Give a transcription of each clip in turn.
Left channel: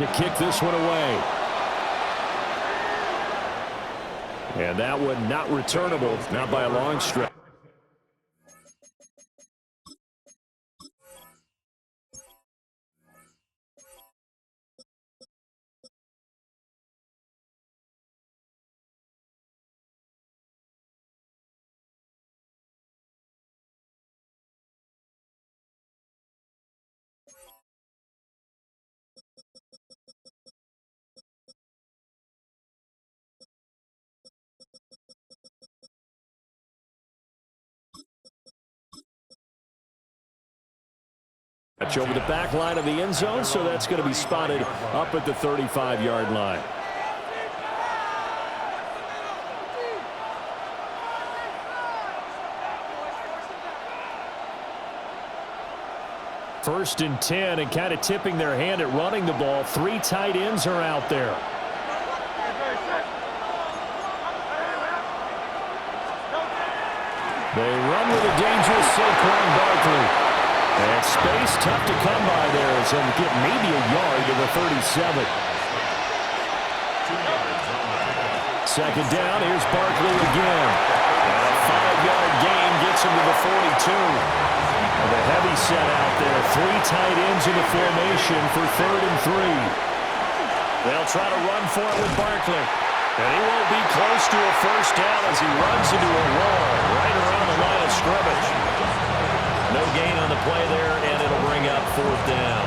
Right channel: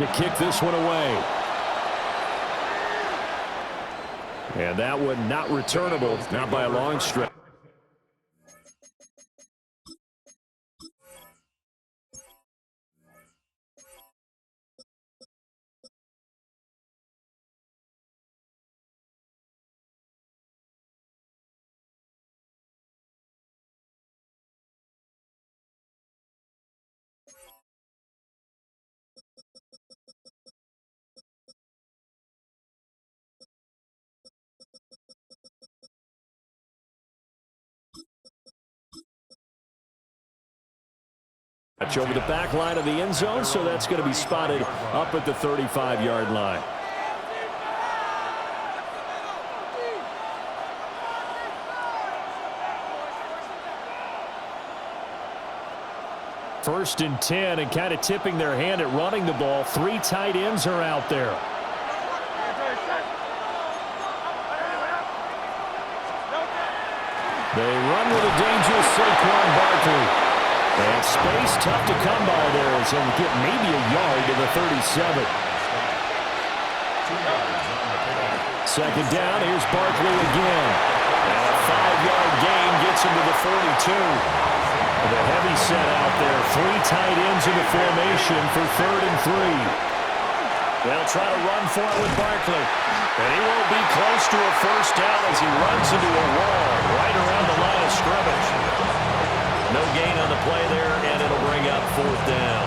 to kick this one away. And that one not returnable, not by a long stretch. Over the back line of the end zone, so that's going to be spotted up at the 35-yard line. First and 10, and kind of tipping their hand at running the ball. 3 tight ends are out there. They run with a dangerous Saquon Barkley. And space tough to come by there as he'll get maybe a yard to the 37. Second down, here's Barkley again. And a 5-yard gain gets him to the 42. The heavy set out there. 3 tight ends in the formation for 3rd and 3. They'll try to run for it with Barkley. And he won't be close to a first down as he runs into a wall right around the line of scrimmage. No gain on the play there, and it'll bring up 4th down.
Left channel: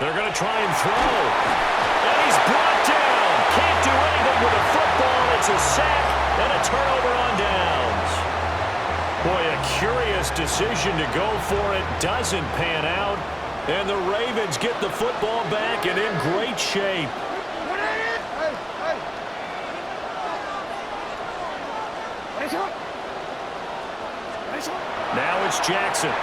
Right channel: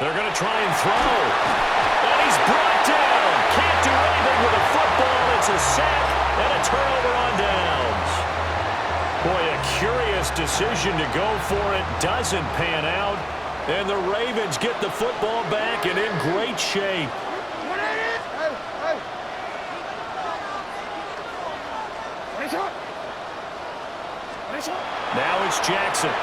They're going to try and throw. And he's brought down. Can't do anything with a football. It's a sack and a turnover on downs. Boy, a curious decision to go for it. Doesn't pan out. And the Ravens get the football back and in great shape. Now it's Jackson.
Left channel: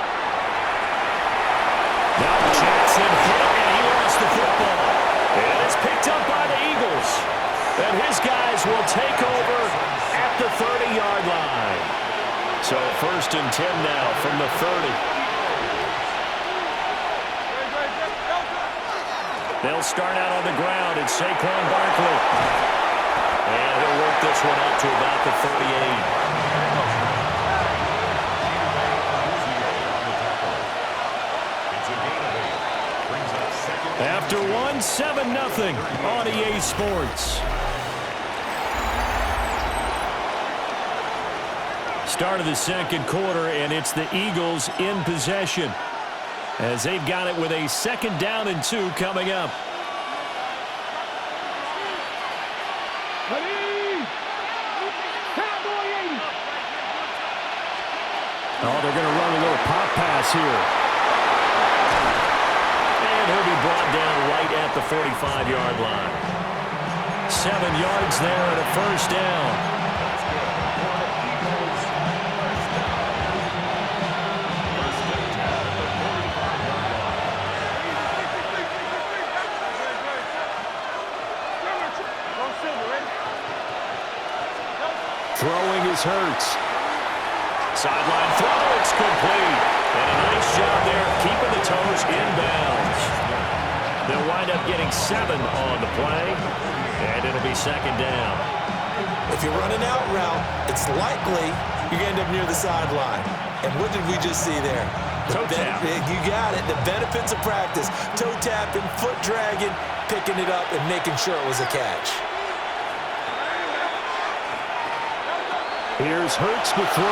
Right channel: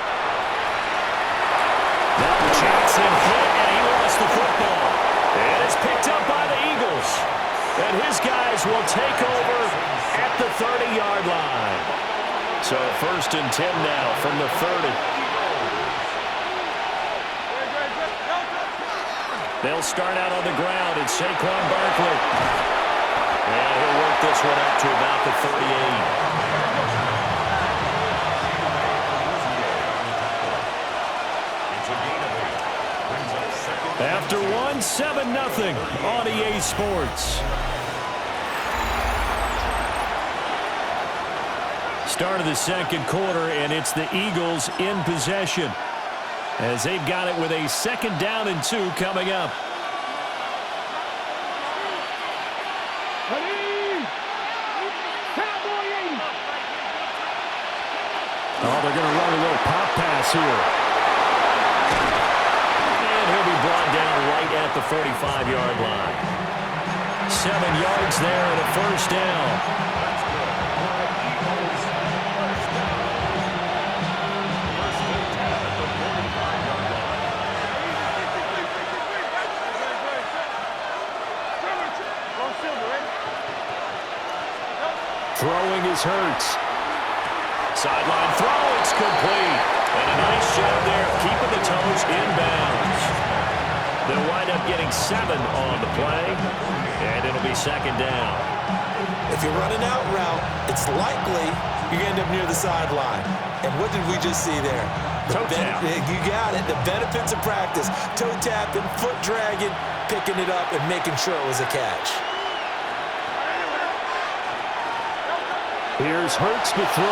Now Jackson hit, and he lost the football. And it's picked up by the Eagles. And his guys will take over at the 30-yard line. So 1st and 10 now from the 30. They'll start out on the ground. It's Saquon Barkley. And he'll work this one out to about the 38. After one, 7-0 on EA Sports. Start of the second quarter, and it's the Eagles in possession as they've got it with a 2nd down and 2 coming up. Oh, they're going to run a little pop pass here. And he'll be brought down right at the 45-yard line. 7 yards there and a 1st down. Throwing is Hurts. Sideline throw, it's complete. And a nice job there keeping the toes inbounds. They'll wind up getting 7 on the play, and it'll be 2nd down. If you're running out route, it's likely you're going to end up near the sideline. And what did we just see there? Toe tap. You got it. The benefits of practice. Toe tapping, foot dragging, picking it up, and making sure it was a catch. Here's Hurts to throw.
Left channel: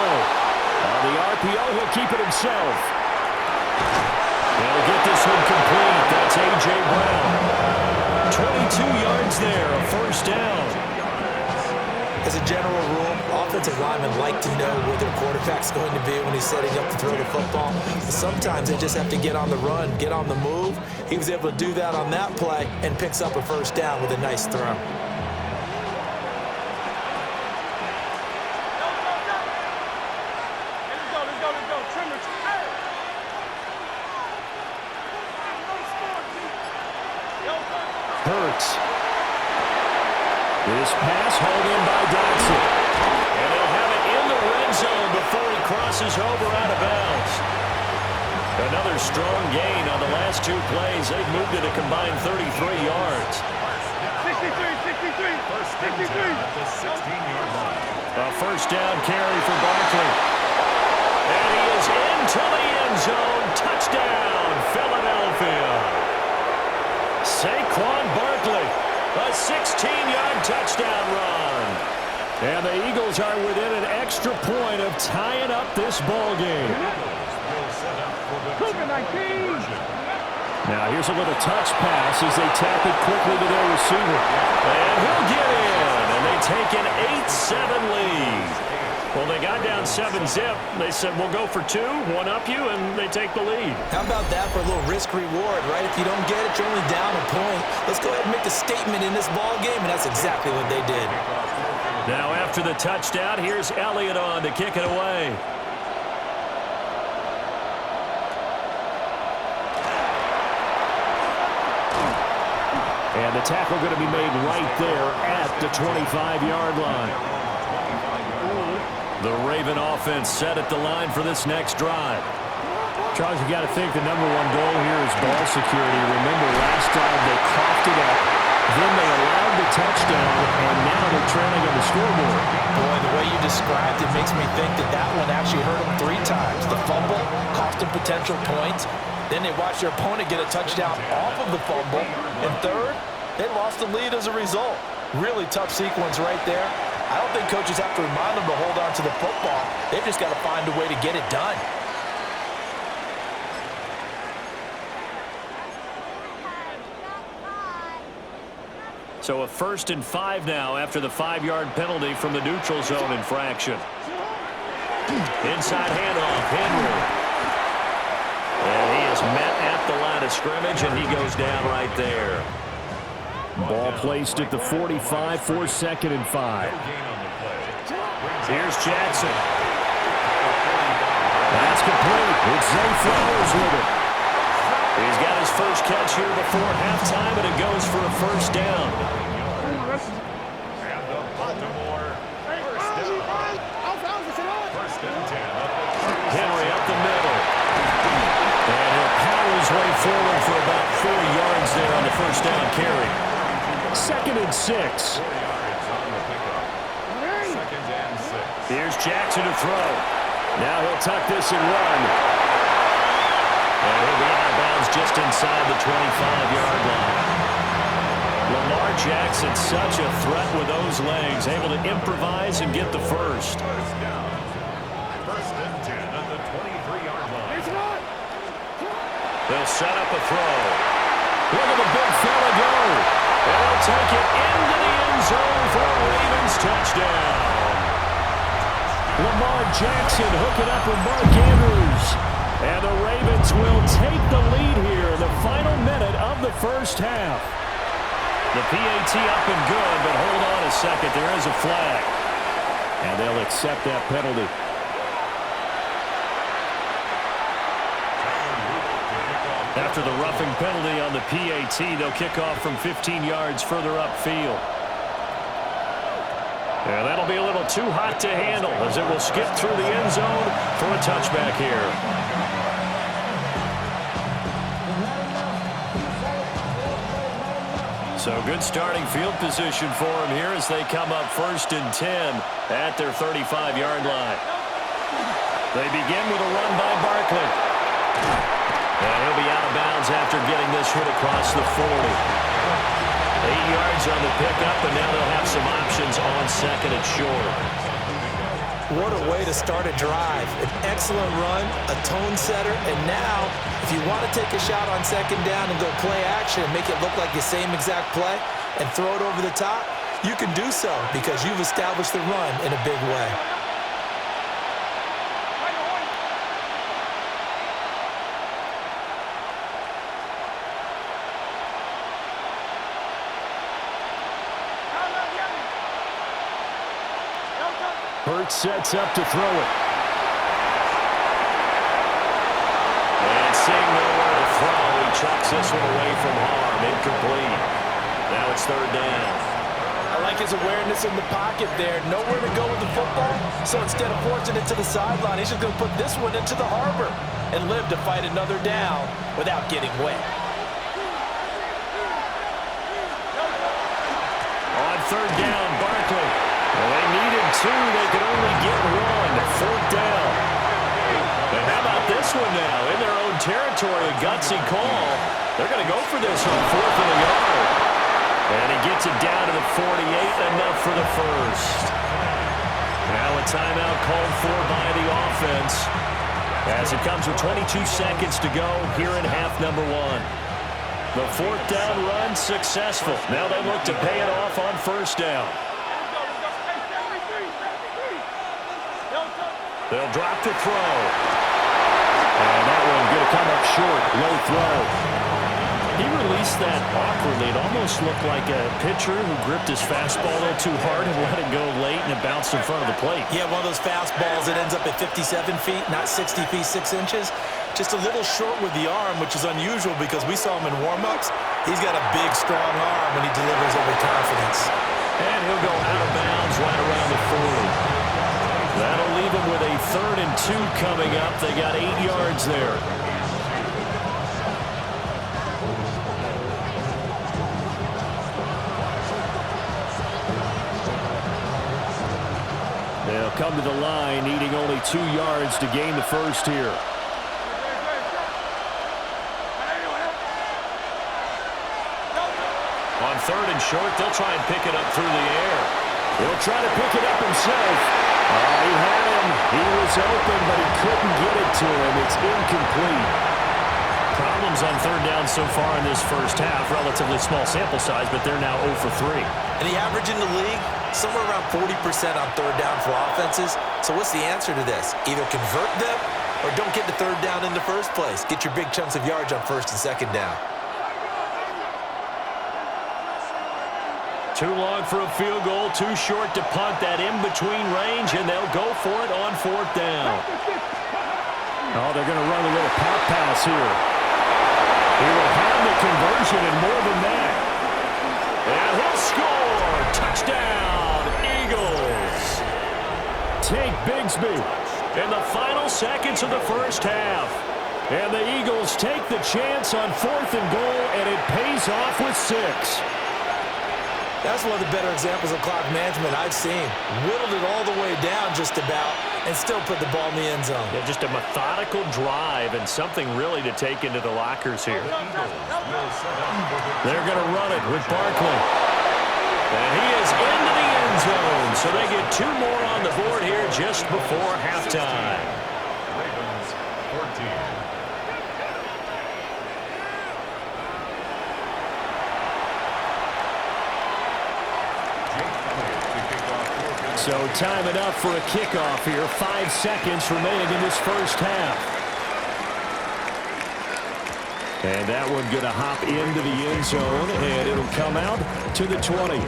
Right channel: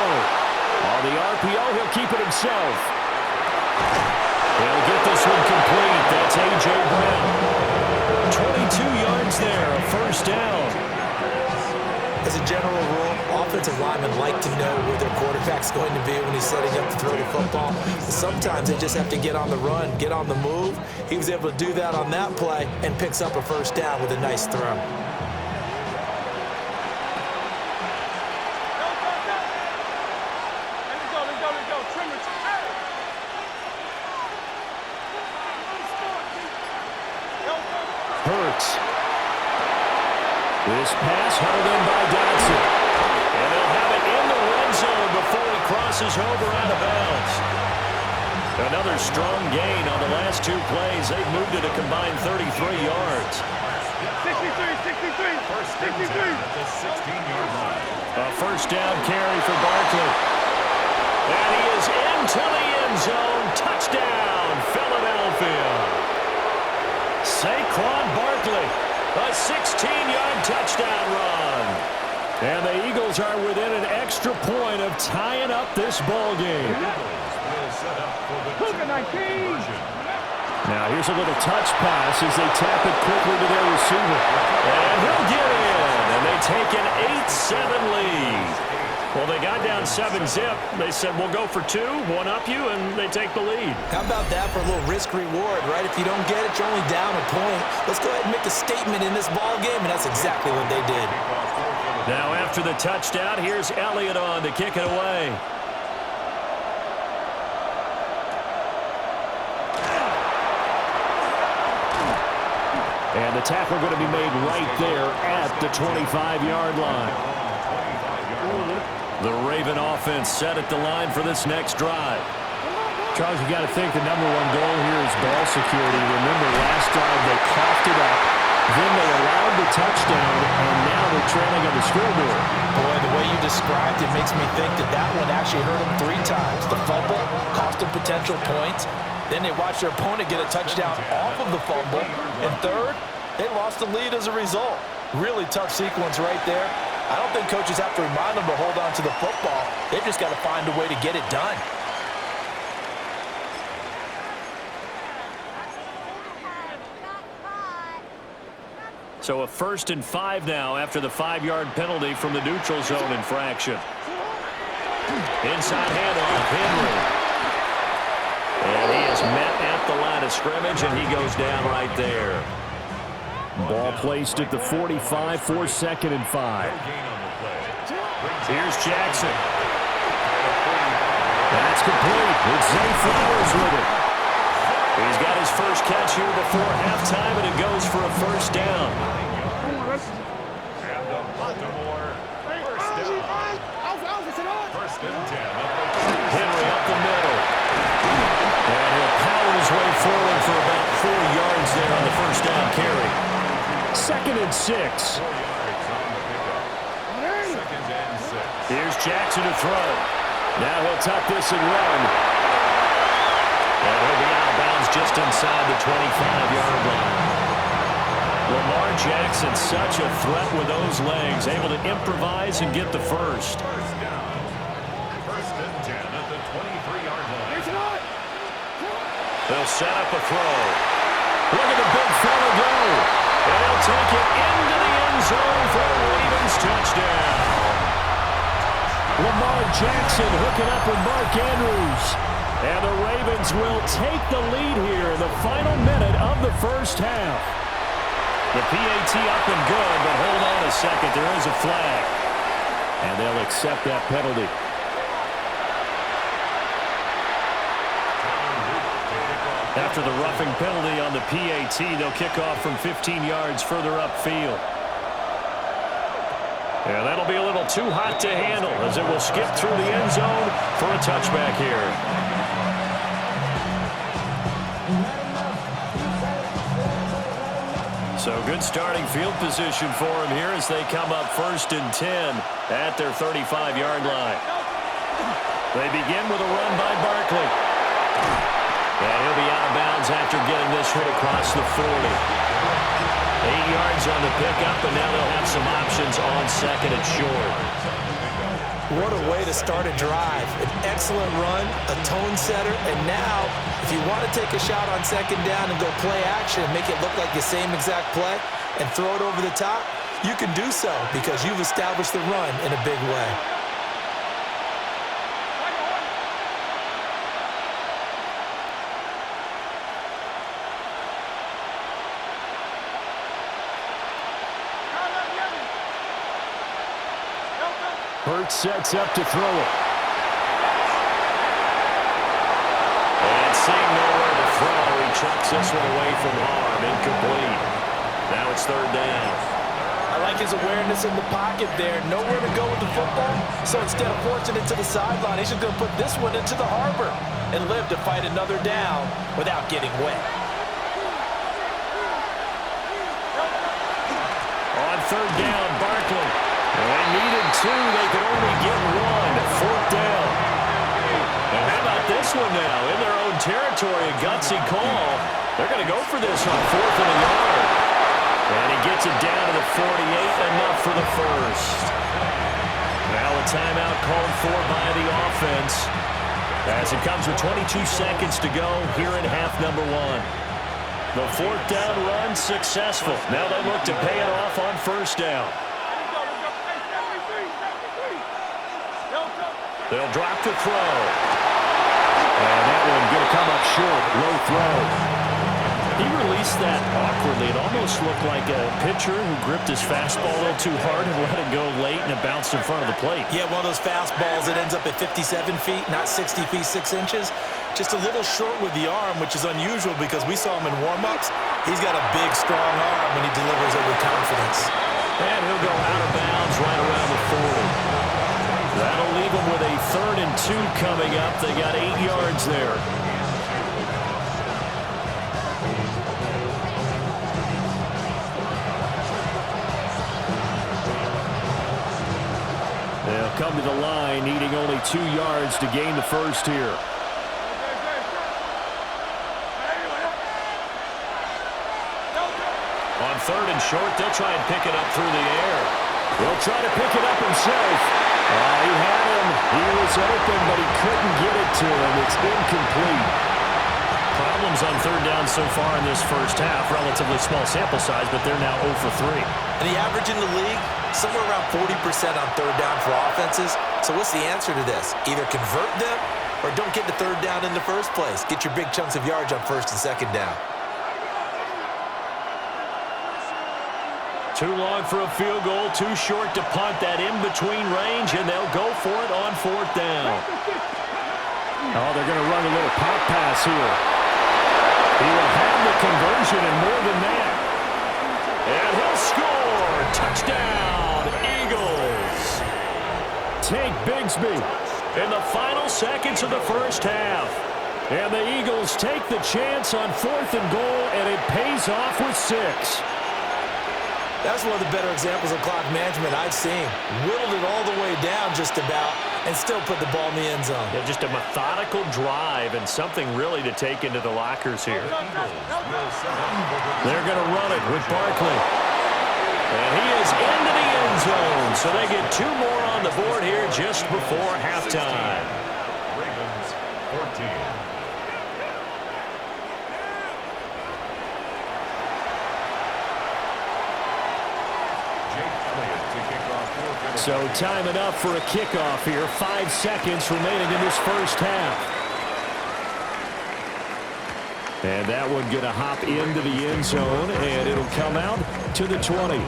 On the RPO, he'll keep it himself. They'll get this one complete. That's A.J. Brown. 22 yards there, a 1st down. As a general rule, offensive linemen like to know where their quarterback's going to be when he's setting up to throw the football. But sometimes they just have to get on the run, get on the move. He was able to do that on that play and picks up a 1st down with a nice throw. Hurts. This pass hauled in by Dotson. And they'll have it in the red zone before he crosses over out of bounds. Another strong gain on the last 2 plays. They've moved it a combined 33 yards. 63. At the 16-yard line. A first down carry for Barkley. And he is into the end zone. Touchdown, Philadelphia. Saquon Barkley, a 16-yard touchdown run. And the Eagles are within an extra point of tying up this ball game. Will set up for the two-point conversion. Now here's a little touch pass as they tap it quickly to their receiver. And he'll get in. And they take an 8-7 lead. Well, they got down 7-zip. They said, we'll go for 2, one up you, and they take the lead. How about that for a little risk-reward, right? If you don't get it, you're only down a point. Let's go ahead and make a statement in this ball game, and that's exactly what they did. Now after the touchdown, here's Elliott on to kick it away. And the tackle going to be made right there at the 25-yard line. The Raven offense set at the line for this next drive. Charles, you got to think the #1 goal here is ball security. Remember, last drive they coughed it up, then they allowed the touchdown, and now they're trailing on the scoreboard. Boy, the way you described it makes me think that one actually hurt them 3 times. The fumble cost them potential points. Then they watched their opponent get a touchdown off of the fumble. And third, they lost the lead as a result. Really tough sequence right there. I don't think coaches have to remind them to hold on to the football. They've just got to find a way to get it done. So a 1st and 5 now after the 5-yard penalty from the neutral zone infraction. Inside handoff, Henry. And he is met at the line of scrimmage, and he goes down right there. Ball placed at the 45 for 2nd and 5. Here's Jackson. That's complete. It's Zay Flowers with it. He's got his first catch here before halftime, and it goes for a first down. And the Baltimore first down. First and 10. Henry up the middle. And he'll power his way forward for about 4 yards there on the first down carry. 2nd and 6. 4 yards on the pickup. 2nd and 6. Here's Jackson to throw. Now he'll tuck this and run. And he'll be out of bounds just inside the 25-yard line. Lamar Jackson, such a threat with those legs, able to improvise and get the first. First down. 1st and 10 at the 23-yard line. They'll set up a throw. Look at the big fella go. And he'll take it into the end zone for a Ravens touchdown. Lamar Jackson hooking up with Mark Andrews. And the Ravens will take the lead here in the final minute of the first half. The PAT up and good, but hold on a second. There is a flag. And they'll accept that penalty. After the roughing penalty on the PAT, they'll kick off from 15 yards further upfield. And that'll be a little too hot to handle as it will skip through the end zone for a touchback here. So good starting field position for him here as they come up 1st and 10 at their 35-yard line. They begin with a run by Barkley. And he'll be out of bounds after getting this hit across the 40. 8 yards on the pickup, and now they'll have some options on 2nd and short. What a way to start a drive. An excellent run, a tone setter, and now if you want to take a shot on 2nd down and go play action and make it look like the same exact play and throw it over the top, you can do so because you've established the run in a big way. Hurts sets up to throw it. And seeing nowhere to throw, he chucks this one away from harm. Incomplete. Now it's third down. I like his awareness in the pocket there. Nowhere to go with the football, so instead of forcing it to the sideline, he's just going to put this one into the harbor and live to fight another down without getting wet. On third down, Barkley. And they needed two. They could only get one. Fourth down. And how about this one now? In their own territory, a gutsy call. They're going to go for this on 4th and a yard. And he gets it down to the 48, enough for the first. Now a timeout called for by the offense as it comes with 22 seconds to go here in half number one. The fourth down run successful. Now they look to pay it off on first down. They'll drop to throw. And that one going to come up short. Low throw. He released that awkwardly. It almost looked like a pitcher who gripped his fastball a little too hard and let it go late, and it bounced in front of the plate. Yeah, one of those fastballs that ends up at 57 feet, not 60 feet, 6 inches. Just a little short with the arm, which is unusual because we saw him in warm-ups. He's got a big, strong arm when he delivers it with confidence. And he'll go out of bounds right around the 40. That'll leave him with a 3rd and 2 coming up. They got 8 yards there. They'll come to the line, needing only 2 yards to gain the first here. On 3rd and short, they'll try and pick it up through the air. He'll try to pick it up himself. He had him. He was open, but he couldn't get it to him. It's incomplete. Problems on 3rd down so far in this first half. Relatively small sample size, but they're now 0 for 3. And the average in the league, somewhere around 40% on 3rd down for offenses. So what's the answer to this? Either convert them or don't get to 3rd down in the first place. Get your big chunks of yards on 1st and 2nd down. Too long for a field goal, too short to punt. That in-between range, and they'll go for it on 4th down. Oh, they're going to run a little pop pass here. He will have the conversion and more than that. And he'll score. Touchdown, Eagles. Tank Bigsby in the final seconds of the first half. And the Eagles take the chance on 4th and goal, and it pays off with 6. That's one of the better examples of clock management I've seen. Whittled it all the way down just about and still put the ball in the end zone. Yeah, just a methodical drive and something really to take into the lockers here. They're going to run it with Barkley. And he is into the end zone. So they get 2 more on the board here just before halftime. Ravens 14. So time enough for a kickoff here. 5 seconds remaining in this first half. And that one going to hop into the end zone, and it'll come out to the 20.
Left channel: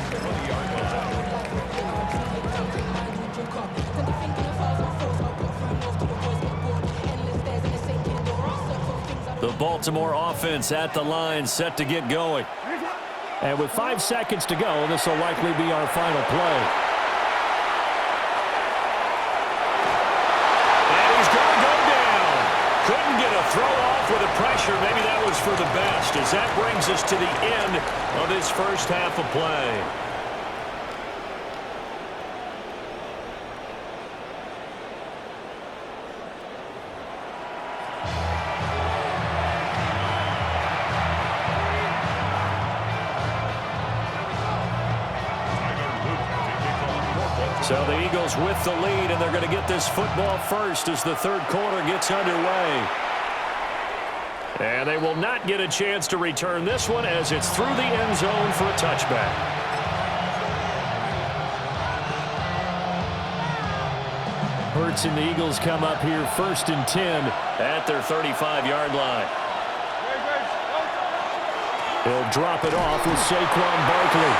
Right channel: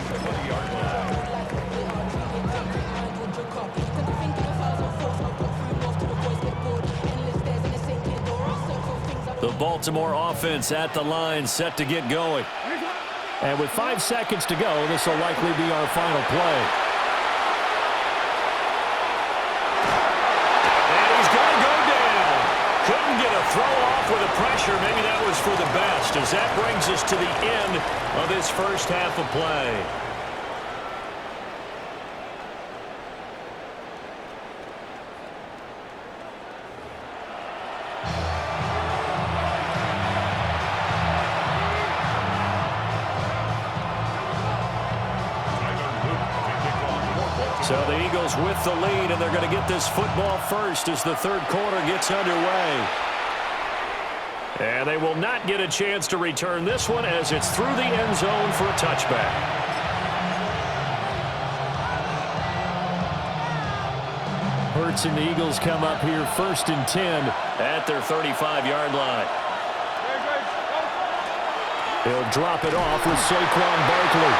The Baltimore offense at the line, set to get going. And with 5 seconds to go, this will likely be our final play. And he's going to go down. Couldn't get a throw off with the pressure. Maybe that was for the best, as that brings us to the end of this first half of play. So the Eagles with the lead, and they're going to get this football first as the 3rd quarter gets underway. And they will not get a chance to return this one as it's through the end zone for a touchback. Hurts and the Eagles come up here 1st and 10 at their 35-yard line. He'll drop it off with Saquon Barkley.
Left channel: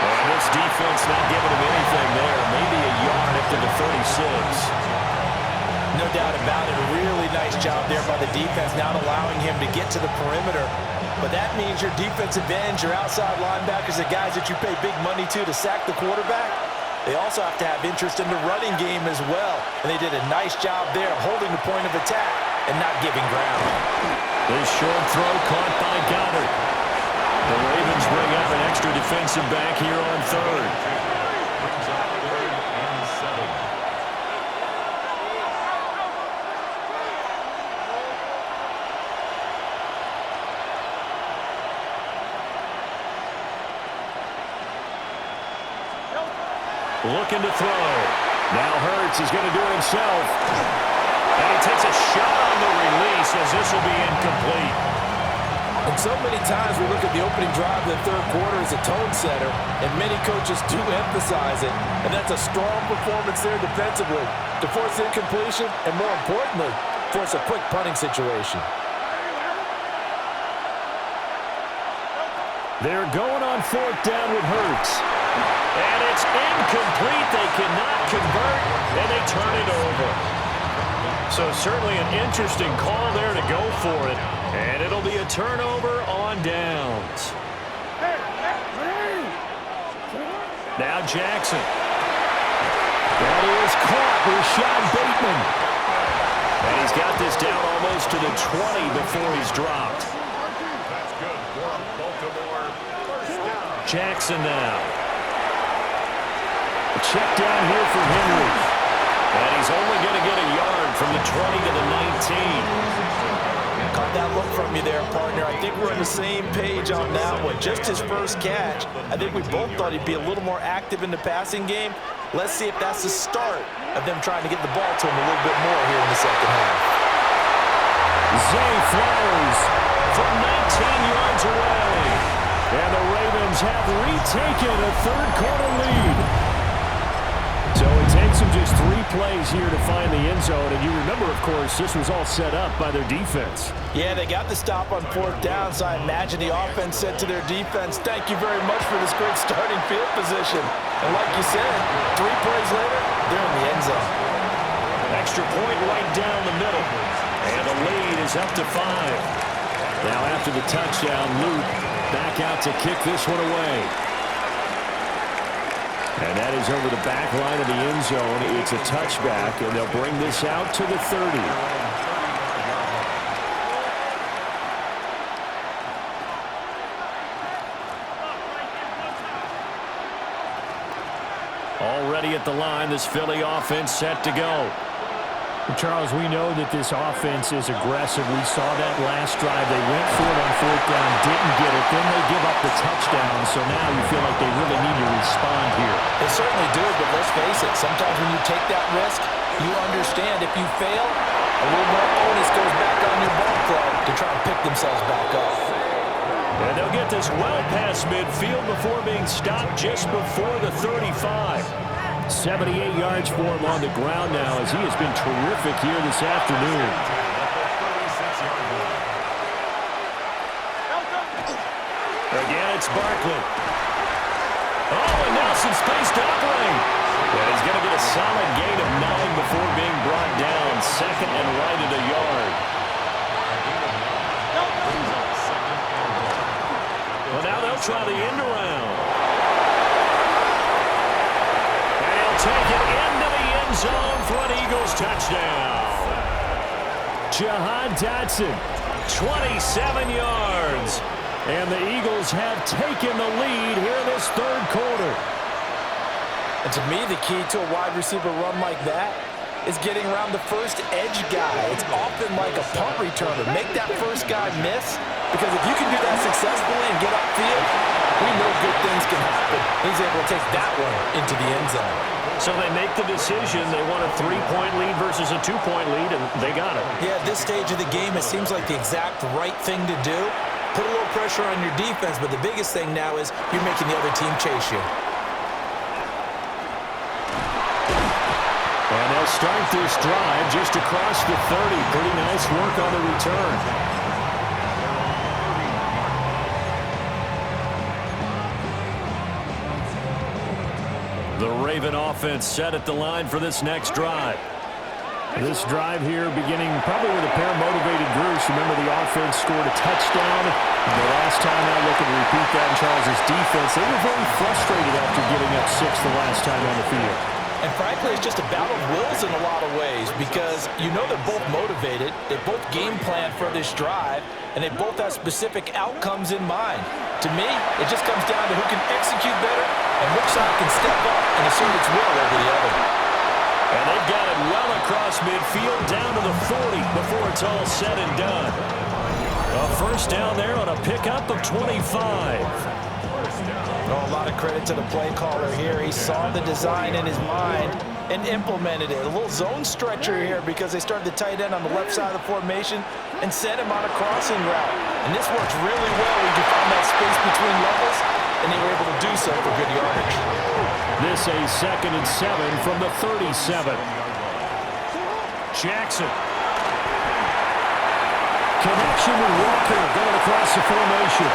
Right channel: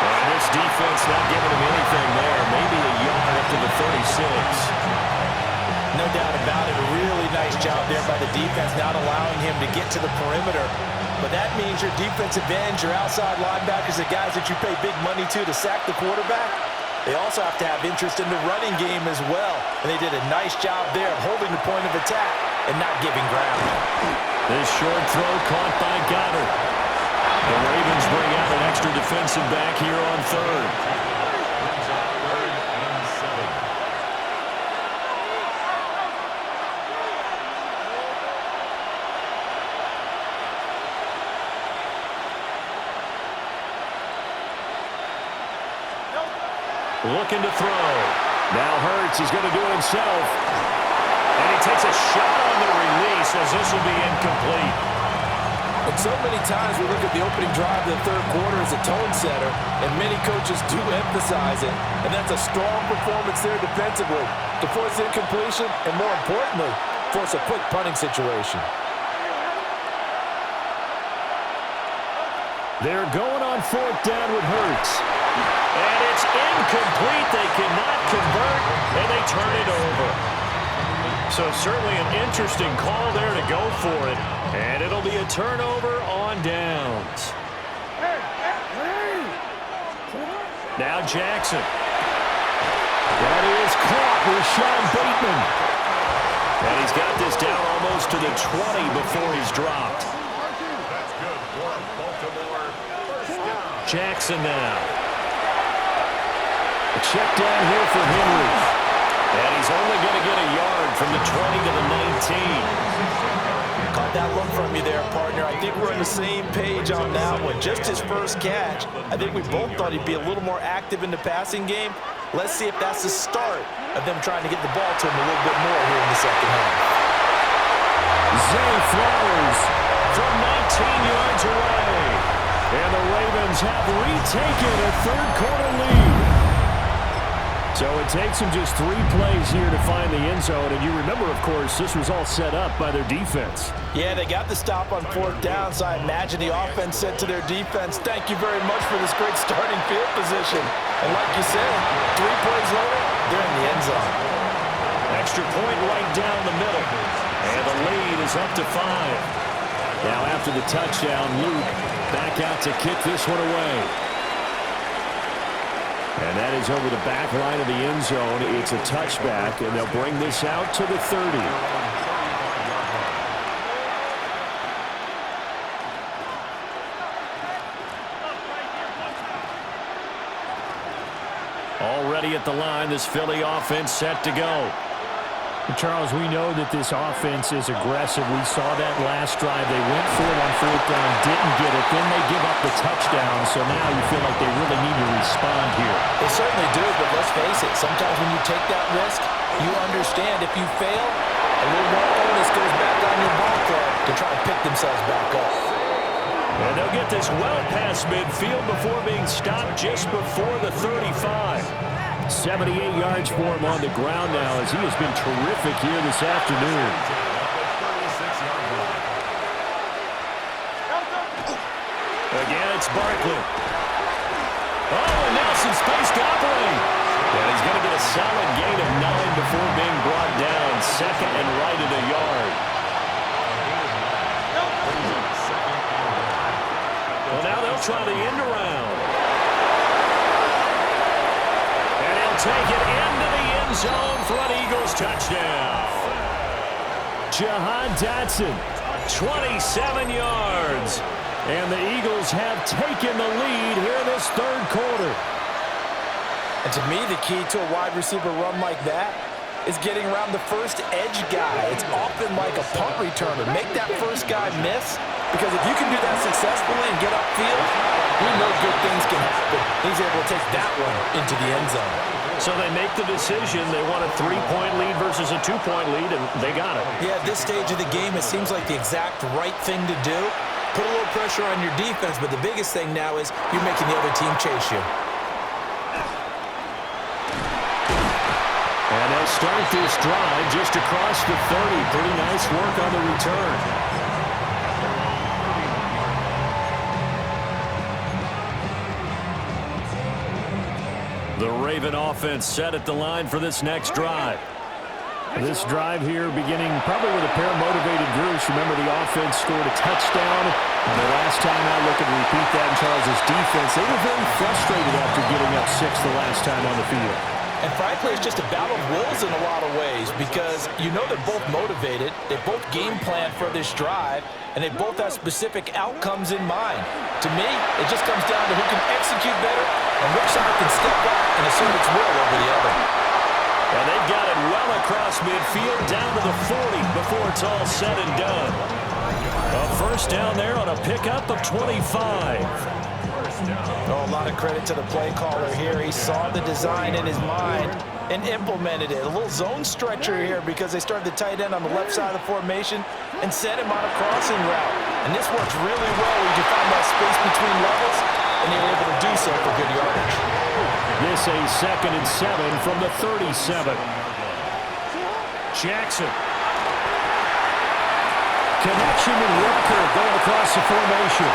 And this defense not giving him anything there. Maybe a yard up to the 36. No doubt about it. A really nice job there by the defense, not allowing him to get to the perimeter But that means your defensive ends, your outside linebackers, the guys that you pay big money to sack the quarterback, they also have to have interest in the running game as well. And they did a nice job there of holding the point of attack and not giving ground. This short throw caught by Goddard. The Ravens bring out an extra defensive back here on third. Brings up 3rd and 7. Looking to throw. Now Hurts is going to do it himself. And he takes a shot on the release as this will be incomplete. And so many times we look at the opening drive of the third quarter as a tone setter, and many coaches do emphasize it. And that's a strong performance there defensively to force incompletion and, more importantly, force a quick punting situation. They're going on 4th down with Hurts. And it's incomplete. They cannot convert, and they turn it over. So certainly an interesting call there to go for it. And it'll be a turnover on downs. Now Jackson. That is caught. Rashad Bateman. And he's got this down almost to the 20 before he's dropped. That's good for Baltimore. 1st down. Jackson now. A check down here for Henry. And he's only going to get a yard from the 20 to the 19. Caught that look from you there, partner. I think we're on the same page on that one. Just his first catch. I think we both thought he'd be a little more active in the passing game. Let's see if that's the start of them trying to get the ball to him a little bit more here in the second half. Zay Flowers from 19 yards away. And the Ravens have retaken a third-quarter lead. So it takes them just 3 plays here to find the end zone. And you remember, of course, this was all set up by their defense. Yeah, they got the stop on 4th down, so I imagine the offense said to their defense, thank you very much for this great starting field position. And like you said, 3 plays later, they're in the end zone. Extra point right down the middle. And the lead is up to 5. Now after the touchdown, Luke back out to kick this one away. And that is over the back line of the end zone. It's a touchback, and they'll bring this out to the 30. Already at the line, this Philly offense set to go. Charles, we know that this offense is aggressive. We saw that last drive. They went for it on 4th down, didn't get it. Then they give up the touchdown. So now you feel like they really need to respond here. They certainly do, but let's face it. Sometimes when you take that risk, you understand if you fail, a little more onus goes back on your ball club to try and pick themselves back up. And they'll get this well past midfield before being stopped just before the 35. 78 yards for him on the ground now as he has been terrific here this afternoon. Again, it's Barkley. Oh, and now some space to operate. And he's going to get a solid gain of 9 before being brought down. 2nd and right at a yard. Well, now they'll try the end around. And he'll take it into the end zone for an Eagles touchdown. Jahan Dotson, 27 yards. And the Eagles have taken the lead here in this third quarter. And to me, the key to a wide receiver run like that is getting around the first edge guy. It's often like a punt returner. Make that first guy miss, because if you can do that successfully and get upfield, we know good things can happen. He's able to take that one into the end zone. So they make the decision. They want a 3-point lead versus a 2-point lead, and they got it. Yeah, at this stage of the game, it seems like the exact right thing to do. Put a little pressure on your defense, but the biggest thing now is you're making the other team chase you. And they'll start this drive just across the 30. Pretty nice work on the return. The Raven offense set at the line for this next drive. This drive here beginning probably with a pair of motivated groups. Remember, the offense scored a touchdown The last time out, looking to repeat that in Charles' defense, they were very frustrated after giving up 6 the last time on the field. And frankly, it's just a battle of wills in a lot of ways because you know they're both motivated, they both game plan for this drive, and they both have specific outcomes in mind. To me, it just comes down to who can execute better and which side can step up and assert its will over the other. And they've got it well across midfield down to the 40 before it's all said and done. A first down there on a pickup of 25. Oh, a lot of credit to the play caller here. He saw the design in his mind and implemented it. A little zone stretcher here because they started the tight end on the left side of the formation and sent him on a crossing route. And this works really well where you can find that space between levels, and they were able to do so for good yardage. This a 2nd and 7 from the 37. Jackson. Connection with Walker going across the formation.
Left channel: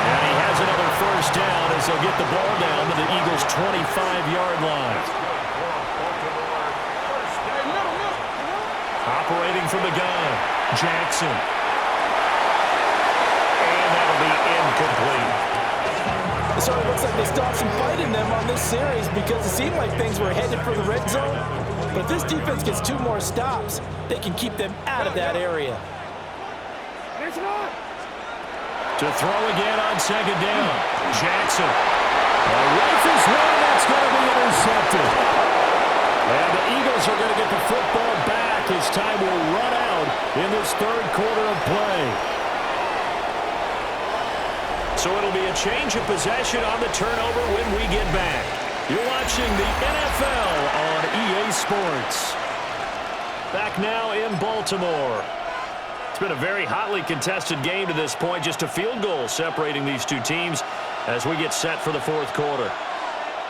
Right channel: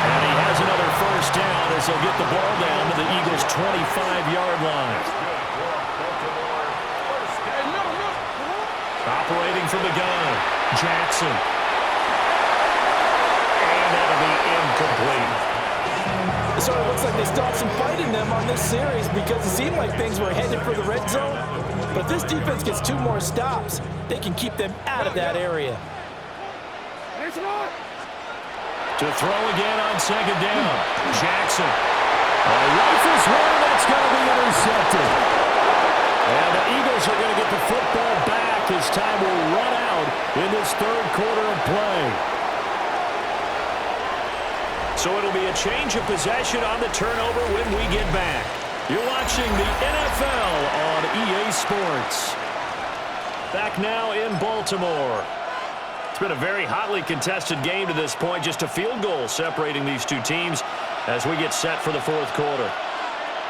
And he has another first down as they'll get the ball down to the Eagles' 25-yard line. Operating from the gun, Jackson. And that'll be incomplete. It sort of looks like they stopped some fight in them on this series because it seemed like things were headed for the red zone. But if this defense gets 2 more stops, they can keep them out of that area. To throw again on 2nd down, Jackson. Rifles one, that's going to be intercepted. And the Eagles are going to get the football back as time will run out in this 3rd quarter of play. So it'll be a change of possession on the turnover when we get back. You're watching the NFL on EA Sports. Back now in Baltimore. It's been a very hotly contested game to this point. Just a field goal separating these two teams as we get set for the 4th quarter.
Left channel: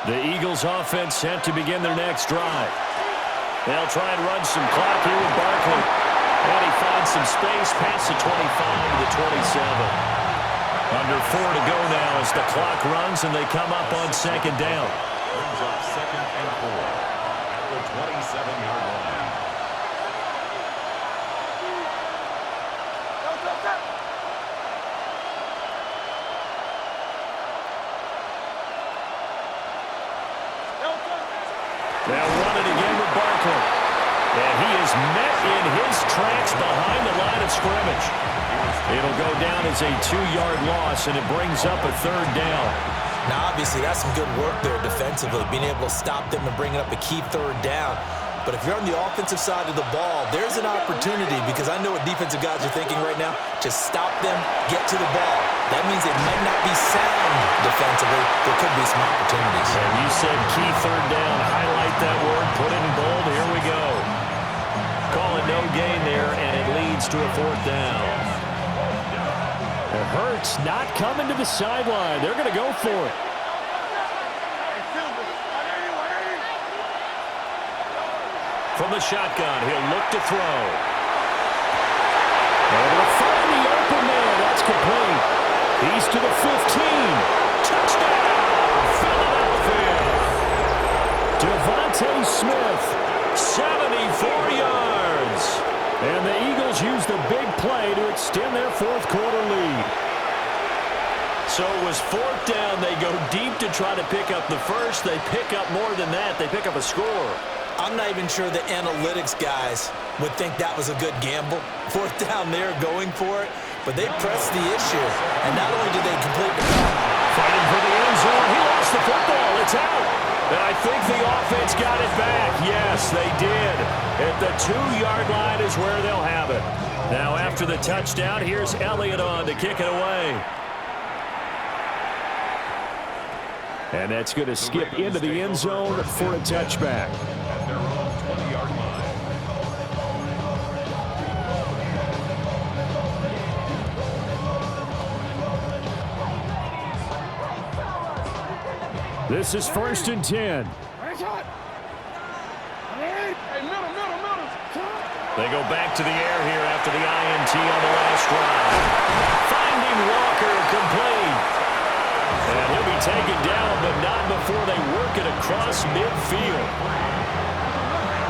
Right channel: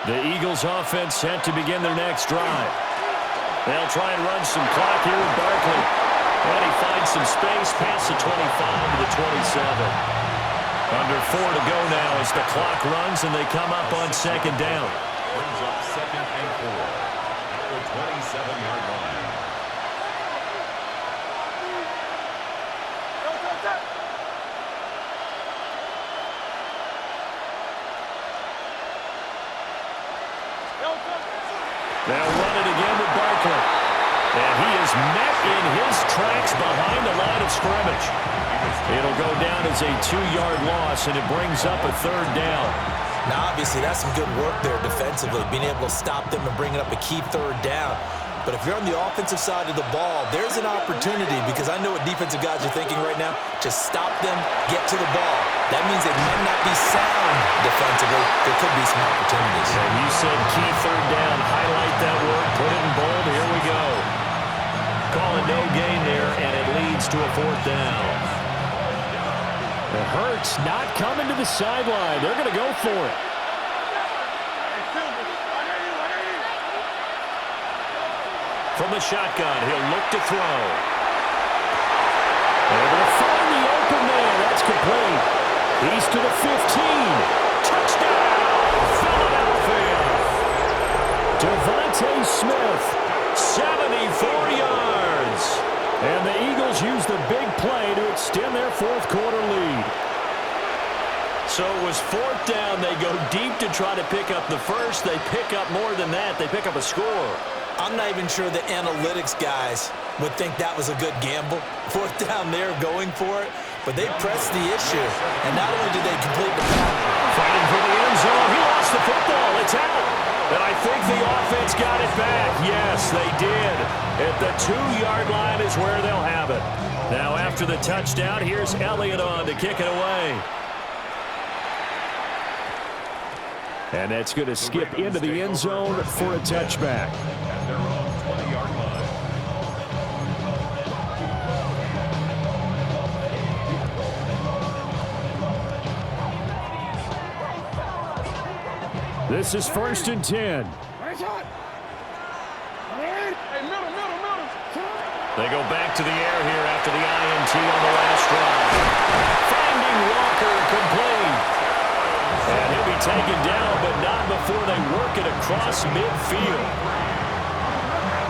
The Eagles offense set to begin their next drive. They'll try and run some clock here with Barkley. And he finds some space past the 25 to the 27. Under 4 to go now as the clock runs and they come up on 2nd down. Brings up 2nd and 4 at the 27-yard line. They'll run it again with Barkley. And he is met in his tracks behind the line of scrimmage. It'll go down as a 2-yard loss, and it brings up a 3rd down. Now, obviously, that's some good work there defensively, being able to stop them and bringing up a key 3rd down. But if you're on the offensive side of the ball, there's an opportunity because I know what defensive guys are thinking right now. Just stop them, get to the ball. That means they might not be sound defensively. There could be some opportunities. And you said key 3rd down. Highlight that word. Put it in bold. Here we go. Call it no gain there, and it leads to a 4th down. It hurts not coming to the sideline. They're going to go for it. From the shotgun, he'll look to throw. Able to find the open man. That's complete. He's to the 15. Touchdown, Philadelphia. Devontae Smith, 74 yards. And the Eagles use the big play to extend their 4th quarter lead. So it was 4th down. They go deep to try to pick up the first. They pick up more than that. They pick up a score. I'm not even sure the analytics guys would think that was a good gamble. 4th down there going for it, but they pressed the issue. And not only did they complete the pass. Fighting for the end zone. He lost the football. It's out. And I think the offense got it back. Yes, they did. At the 2-yard line is where they'll have it. Now after the touchdown, here's Elliott on to kick it away. And that's going to skip into the end zone for a touchback. At their own 20-yard line. This is 1st and 10. They go back to the air here after the INT on the last drive. Finding Walker complete. And he'll be taken down, but not before they work it across midfield.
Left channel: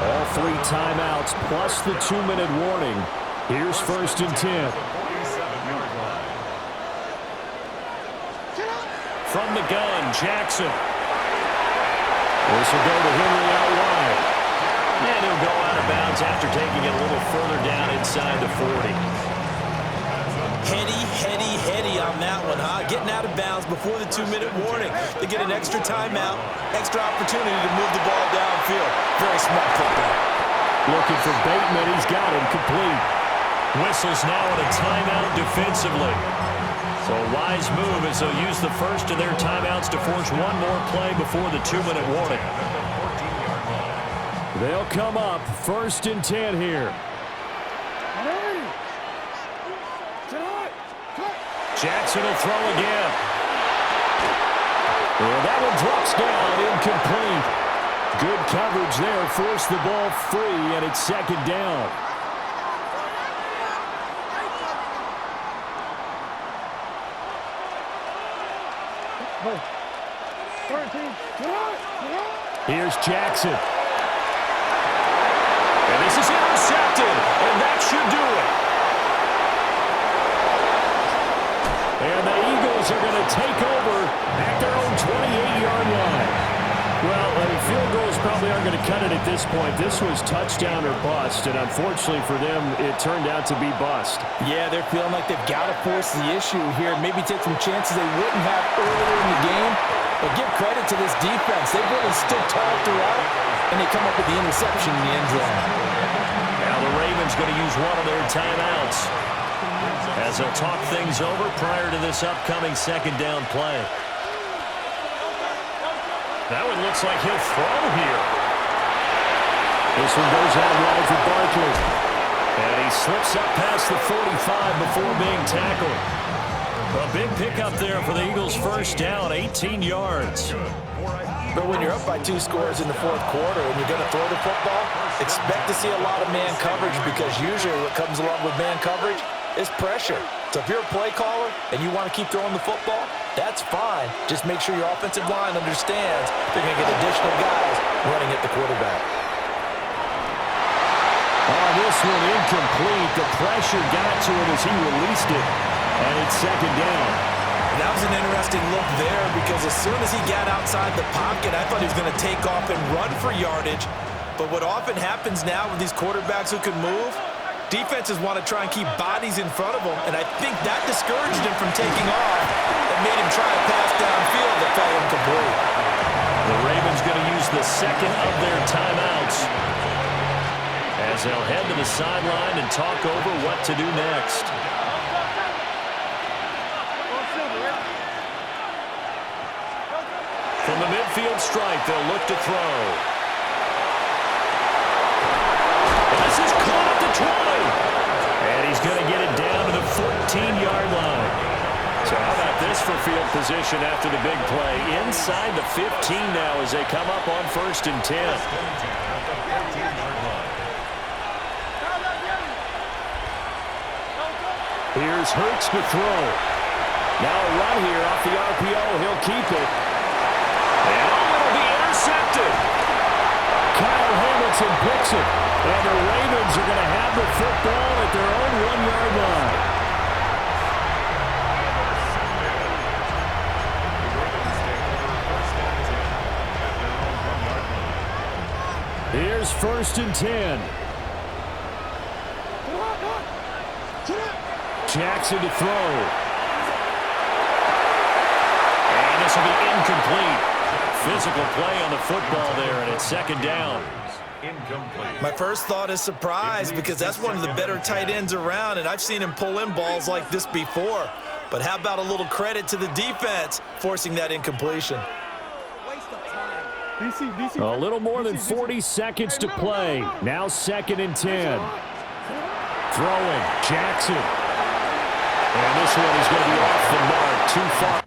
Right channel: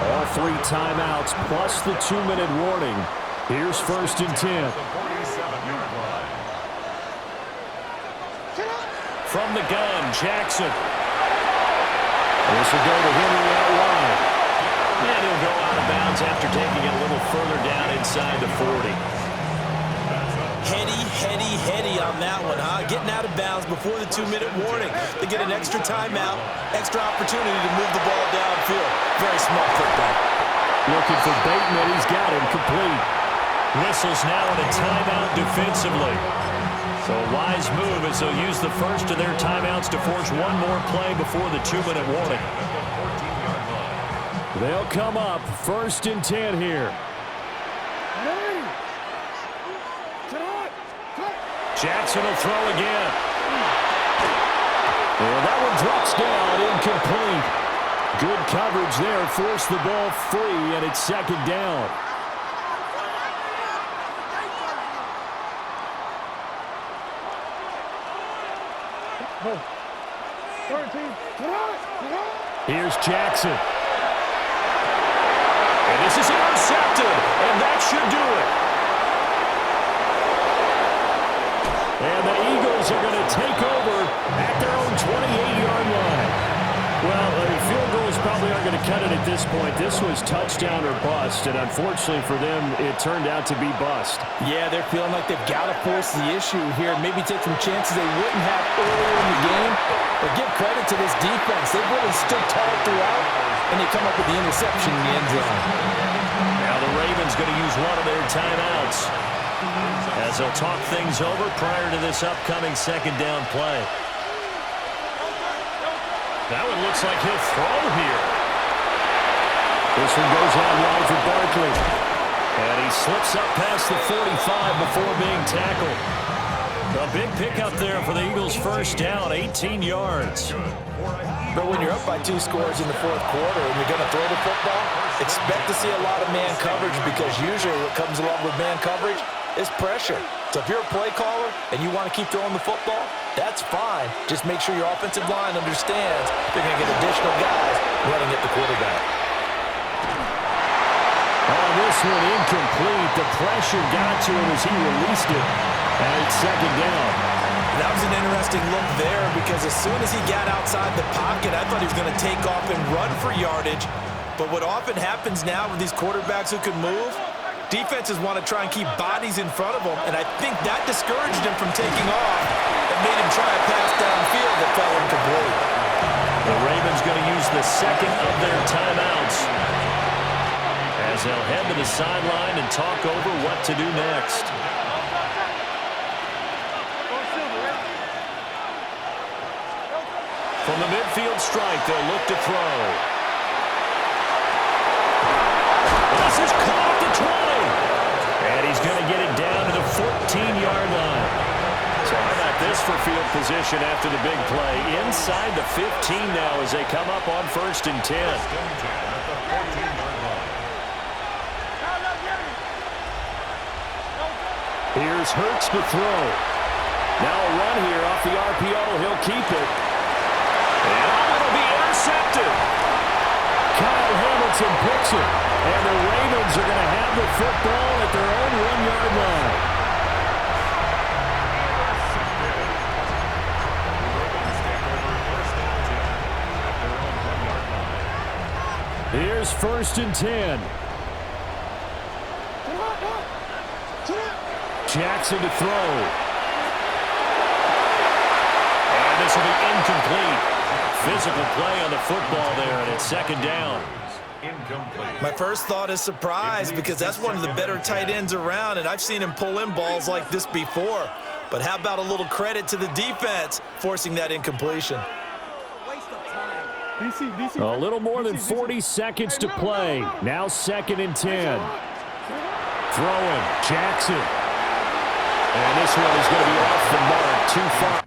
All 3 timeouts plus the 2-minute warning. Here's 1st and 10. The 47-yard line. From the gun, Jackson. This will go to Henry out wide. And he'll go out of bounds after taking it a little further down inside the 40. Heady on that one, huh? Getting out of bounds before the 2-minute warning. They get an extra timeout, extra opportunity to move the ball downfield. Very smart football. Looking for Bateman. He's got him complete. Whistles now in a timeout defensively. So a wise move as they'll use the first of their timeouts to force one more play before the 2-minute warning. They'll come up 1st and 10 here. Jackson will throw again. And that one drops down, incomplete. Good coverage there, forced the ball free, and it's 2nd down. Here's Jackson. And this is intercepted, and that should do it. And the Eagles are going to take over at their own 28-yard line. Well, field goals probably aren't going to cut it at this point. This was touchdown or bust, and unfortunately for them, it turned out to be bust. Yeah, they're feeling like they've got to force the issue here, maybe take some chances they wouldn't have earlier in the game. But give credit to this defense. They've really stood tall throughout, and they come up with the interception in the end zone. Now the Ravens going to use one of their timeouts as they'll talk things over prior to this upcoming 2nd down play. That one looks like he'll throw here. This one goes out wide for Barkley. And he slips up past the 45 before being tackled. A big pickup there for the Eagles' 1st down, 18 yards. But when you're up by 2 scores in the 4th quarter and you're going to throw the football, expect to see a lot of man coverage, because usually what comes along with man coverage is pressure. So if you're a play caller and you want to keep throwing the football, that's fine. Just make sure your offensive line understands they're going to get additional guys running at the quarterback. On this one, incomplete. The pressure got to him as he released it, and it's 2nd down. That was an interesting look there, because as soon as he got outside the pocket, I thought he was going to take off and run for yardage. But what often happens now with these quarterbacks who can move, defenses want to try and keep bodies in front of them, and I think that discouraged him from taking off and made him try a pass downfield that fell incomplete. The Ravens going to use the 2nd of their timeouts as they'll head to the sideline and talk over what to do next. From the midfield strike, they'll look to throw. And this is caught at the 20. And he's going to get it down to the 14-yard line. So how about this for field position after the big play? Inside the 15 now as they come up on 1st and 10. Here's Hurts to throw. Now a run here off the RPO. He'll keep it. And it'll be intercepted. Kyle Hamilton picks it. And the Ravens are going to have the football at their own 1-yard line. Here's 1st and 10. Jackson to throw. And this will be incomplete. Physical play on the football there, and it's 2nd down. My first thought is surprise, because that's one of the better tight ends around, and I've seen him pull in balls like this before. But how about a little credit to the defense forcing that incompletion? A little more than 40 seconds to play. Now 2nd and 10. Throwing, Jackson. And this one is going to be off the mark, too far.